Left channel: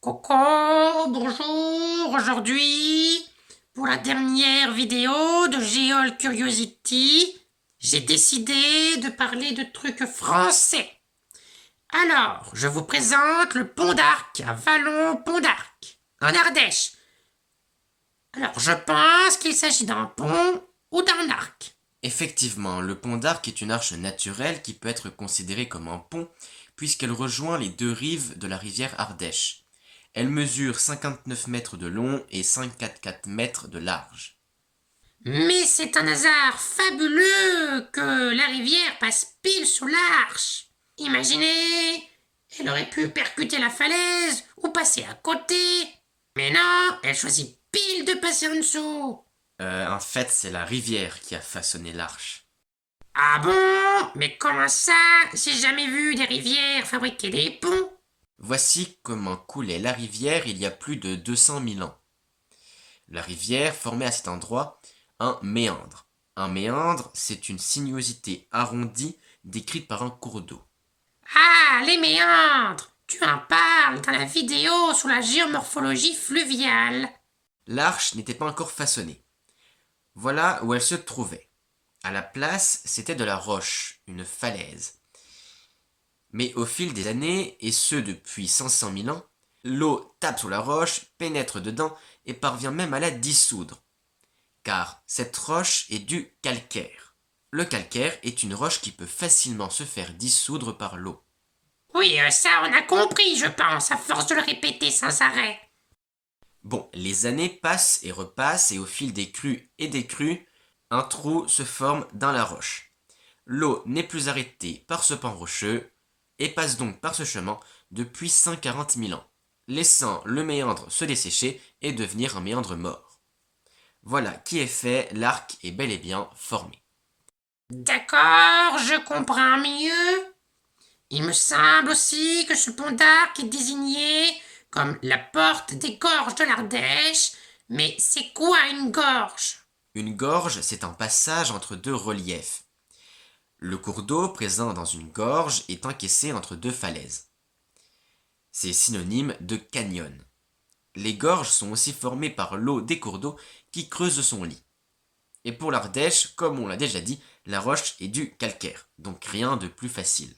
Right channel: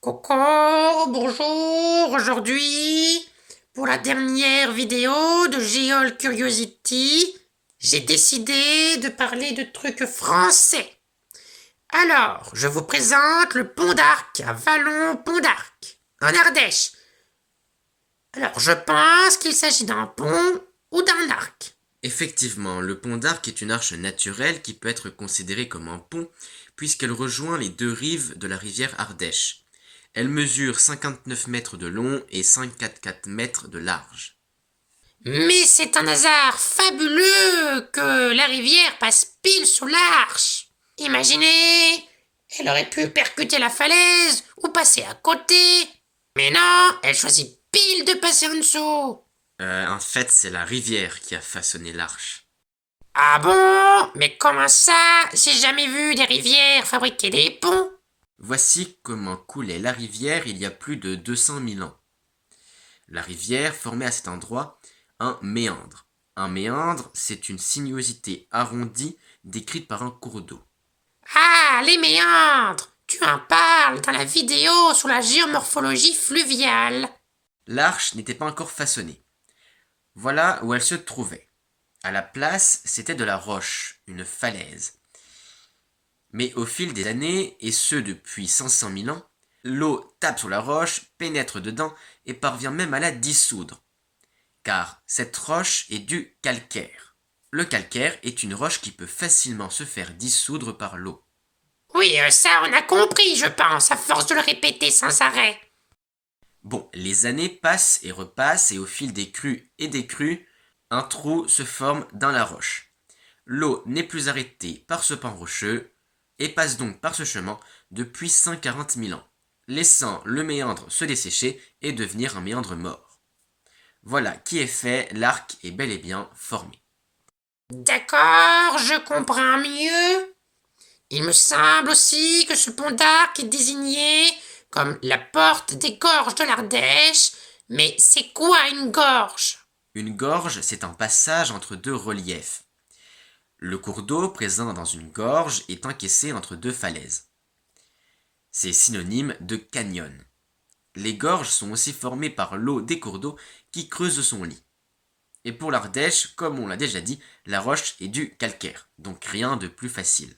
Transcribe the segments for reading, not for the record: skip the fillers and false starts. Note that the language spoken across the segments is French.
Coucou, bonjour, aujourd'hui, pour la dernière vidéo de Geol Curiosity, j'ai décidé de parler de trucs français. Alors, je vous présente le pont d'Arc à Vallon-Pont d'Arc, en Ardèche. Alors, je pense qu'il s'agit d'un pont ou d'un arc. Effectivement, le pont d'Arc est une arche naturelle qui peut être considérée comme un pont puisqu'elle rejoint les deux rives de la rivière Ardèche. Elle mesure 59 mètres de long et 5,44 mètres de large. Mais c'est un hasard fabuleux que la rivière passe pile sous l'arche. Imaginez, elle aurait pu percuter la falaise ou passer à côté. Mais non, elle choisit pile de passer en dessous. En fait, c'est la rivière qui a façonné l'arche. Ah bon? Mais comment ça? J'ai jamais vu des rivières fabriquer des ponts. Voici comment coulait la rivière il y a plus de 200 000 ans. La rivière formait à cet endroit un méandre. Un méandre, c'est une sinuosité arrondie décrite par un cours d'eau. Ah, les méandres! Tu en parles dans la vidéo sur la géomorphologie fluviale. L'arche n'était pas encore façonnée. Voilà où elle se trouvait. À la place, c'était de la roche, une falaise. Mais au fil des années, et ce depuis 500 000 ans, l'eau tape sur la roche, pénètre dedans et parvient même à la dissoudre. Car cette roche est du calcaire. Le calcaire est une roche qui peut facilement se faire dissoudre par l'eau. Oui, ça on a compris, je pense, à force de le répéter sans arrêt. Bon, les années passent et repassent et au fil des crues et des crues, un trou se forme dans la roche. L'eau n'est plus arrêtée par ce pan rocheux et passe donc par ce chemin depuis 140 000 ans, laissant le méandre se dessécher et devenir un méandre mort. Voilà qui est fait, l'arc est bel et bien formé. D'accord, je comprends mieux. Il me semble aussi que ce pont d'Arc est désigné comme la porte des gorges de l'Ardèche. Mais c'est quoi une gorge? Une gorge, c'est un passage entre deux reliefs. Le cours d'eau présent dans une gorge est encaissé entre deux falaises. C'est synonyme de canyon. Les gorges sont aussi formées par l'eau des cours d'eau qui creusent son lit. Et pour l'Ardèche, comme on l'a déjà dit, la roche est du calcaire, donc rien de plus facile.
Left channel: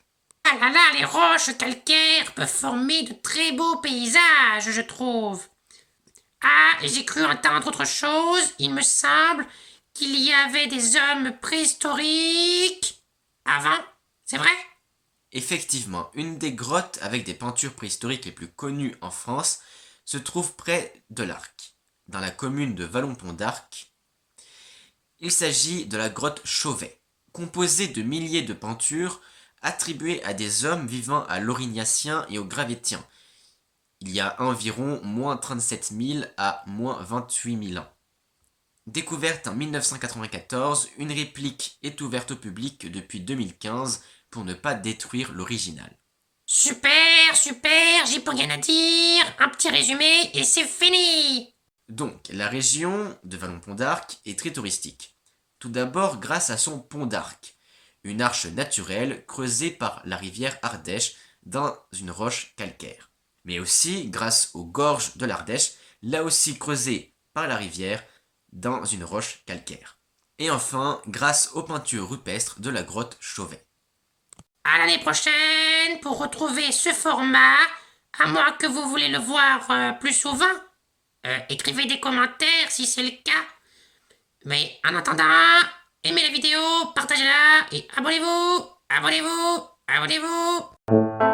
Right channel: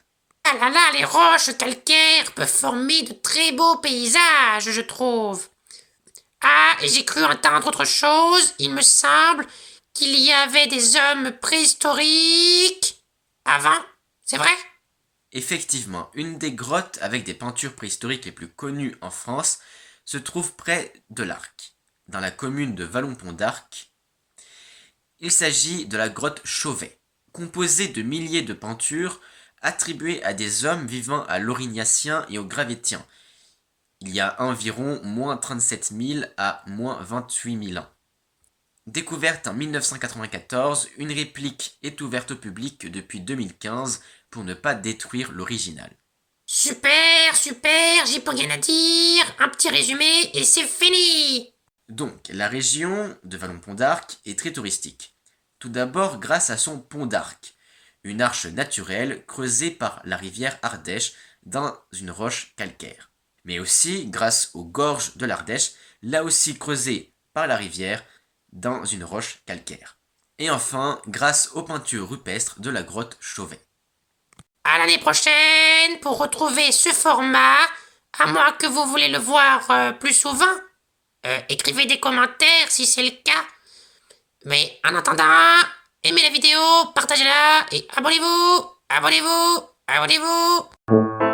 Ah là là, les roches calcaires peuvent former de très beaux paysages, je trouve. Ah, et j'ai cru entendre autre chose. Il me semble qu'il y avait des hommes préhistoriques avant. C'est vrai? Effectivement, une des grottes avec des peintures préhistoriques les plus connues en France se trouve près de l'Arc, dans la commune de Vallon-Pont d'Arc. Il s'agit de la grotte Chauvet, composée de milliers de peintures attribuées à des hommes vivant à l'Aurignacien et au Gravettien, il y a environ moins 37 000 à moins 28 000 ans. Découverte en 1994, une réplique est ouverte au public depuis 2015 pour ne pas détruire l'original. Super, super, j'ai plus rien à dire. Un petit résumé et c'est fini. Donc, la région de Vallon-Pont d'Arc est très touristique. Tout d'abord grâce à son pont d'Arc, une arche naturelle creusée par la rivière Ardèche dans une roche calcaire. Mais aussi grâce aux gorges de l'Ardèche, là aussi creusées par la rivière dans une roche calcaire. Et enfin, grâce aux peintures rupestres de la grotte Chauvet. À l'année prochaine pour retrouver ce format, à moins que vous voulez le voir plus souvent. Écrivez des commentaires si c'est le cas. Mais en attendant, aimez la vidéo, partagez-la et abonnez-vous, abonnez-vous, abonnez-vous.